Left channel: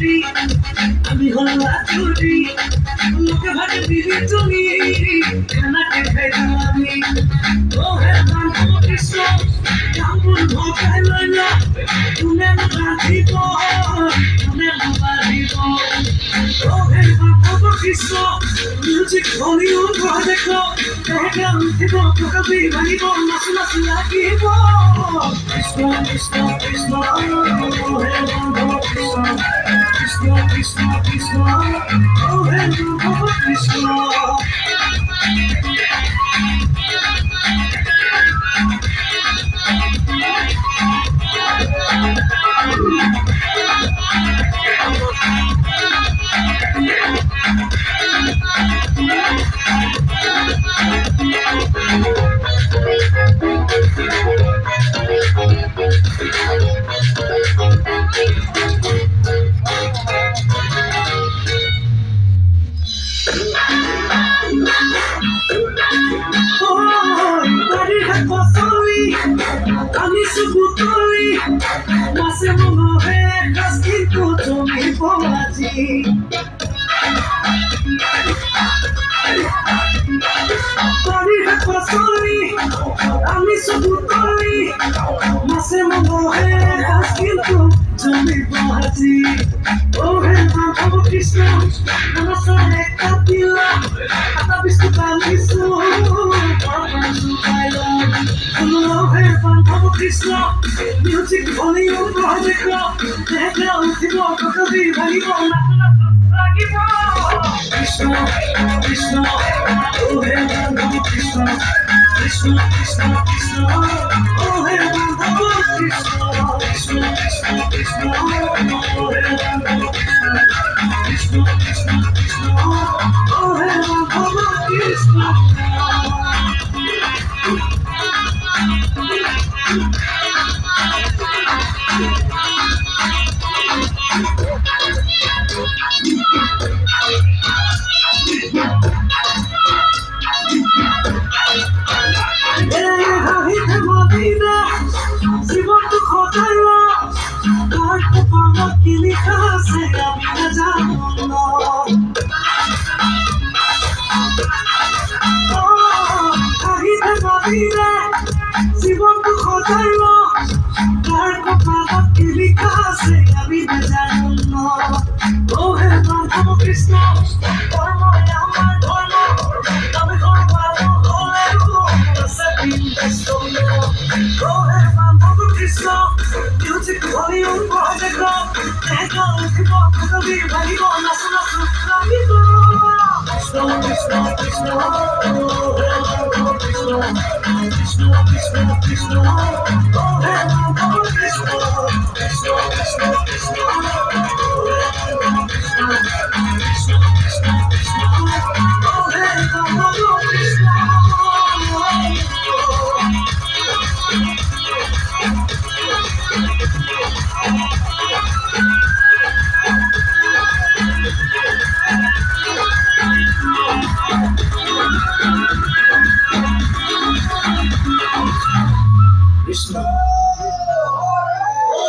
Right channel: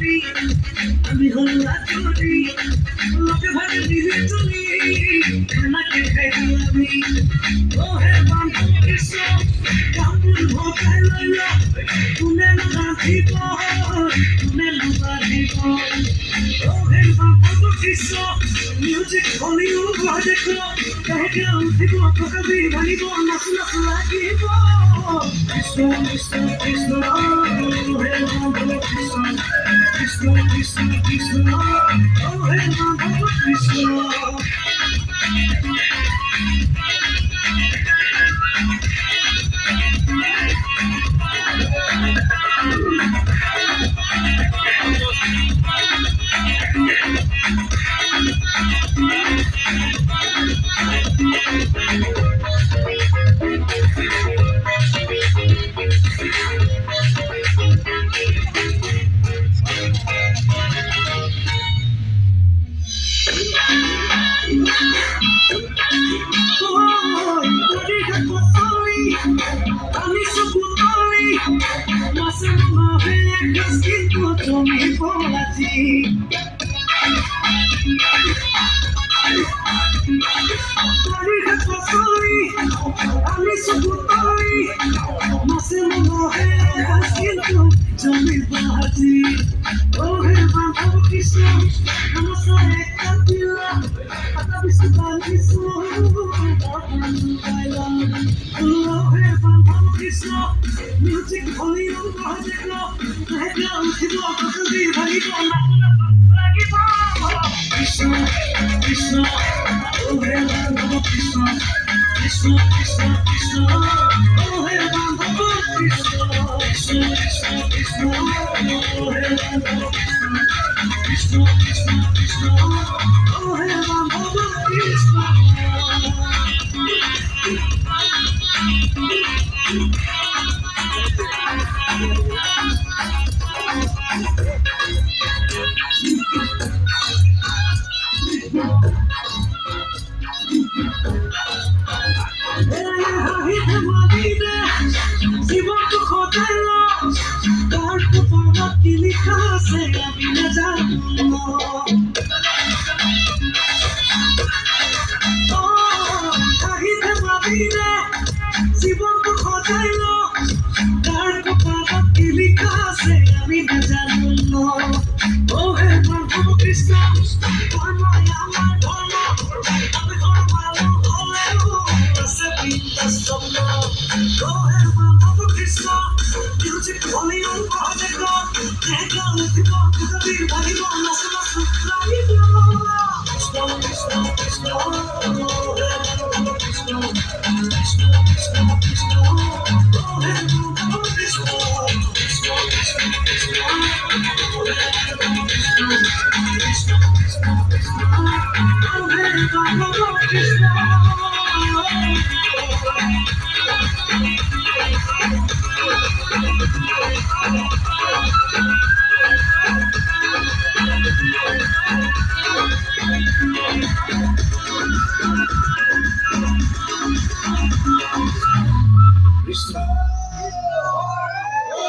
আমি হলো আচুরি লোকে ভাগে দিলি তুমি খানাকে খাইতো আমি ও হে বন্ধু কৃষ্ণ কামুন ভোকাই লইলা তুনে বাঁধিব তুনে বাঁধিব ও হে বন্ধু কৃষ্ণ মিউজিক ভলিউম বঢ়াই দেখ দেহে উঠিব কবি ভাঙিব নাচু নাচু লাগিব কৃষ্ণ কৃষ্ণ কৃষ্ণ ও হে বন্ধু কৃষ্ণ কৃষ্ণ কৃষ্ণ কৃষ্ণ ও হে বন্ধু কৃষ্ণ আমি সুকুতলি মাসে মনে হয় গাছ কিন্তু তুমি পড়াছি বাড়ির ফসলি আমি সুকুতলি মাসে মনে হয় গাছ কিন্তু তুমি পড়াছি ও হে বান্ধব কৃষ্ণ আমার সাথে একটা দিলা একটা বিস্কুট আনিছো কৃষ্ণ মিউজিক ভলিউম বঢ়াই দেখ দেহে উঠিব কবি ভাঙিব লাগিব কৃষ্ণ কৃষ্ণ ও হে বন্ধু কৃষ্ণ কৃষ্ণ কৃষ্ণ কৃষ্ণ ও হে বন্ধু কৃষ্ণ কৃষ্ণ কৃষ্ণ কৃষ্ণ ও হে বন্ধু কৃষ্ণ কৃষ্ণ কৃষ্ণ কৃষ্ণ ও হে বন্ধু কৃষ্ণ জীবনটো খটাইল তাৰ কপালত কি লিখা আছে আমি নাজানো হাঁহিতে ভাবিলে জীবনটো খটাইল তাৰ কপালত কি লিখা আছে আমি নাজানো ও হে বন্ধু কৃষ্ণ কৰ্মই আমাৰ ধৰ্ম আমি সৰ্বালো হলেও আছে বিন্দাস্ত ও হে বন্ধু কৃষ্ণ মিউজিক ভলিউম বঢ়াই দেখ দেহে উঠিব কবি ভাঙিব নাচু নাচু লাগিব কৃষ্ণ কৃষ্ণ কৃষ্ণ ও হে বন্ধু কৃষ্ণ কৃষ্ণ কৃষ্ণ কৃষ্ণ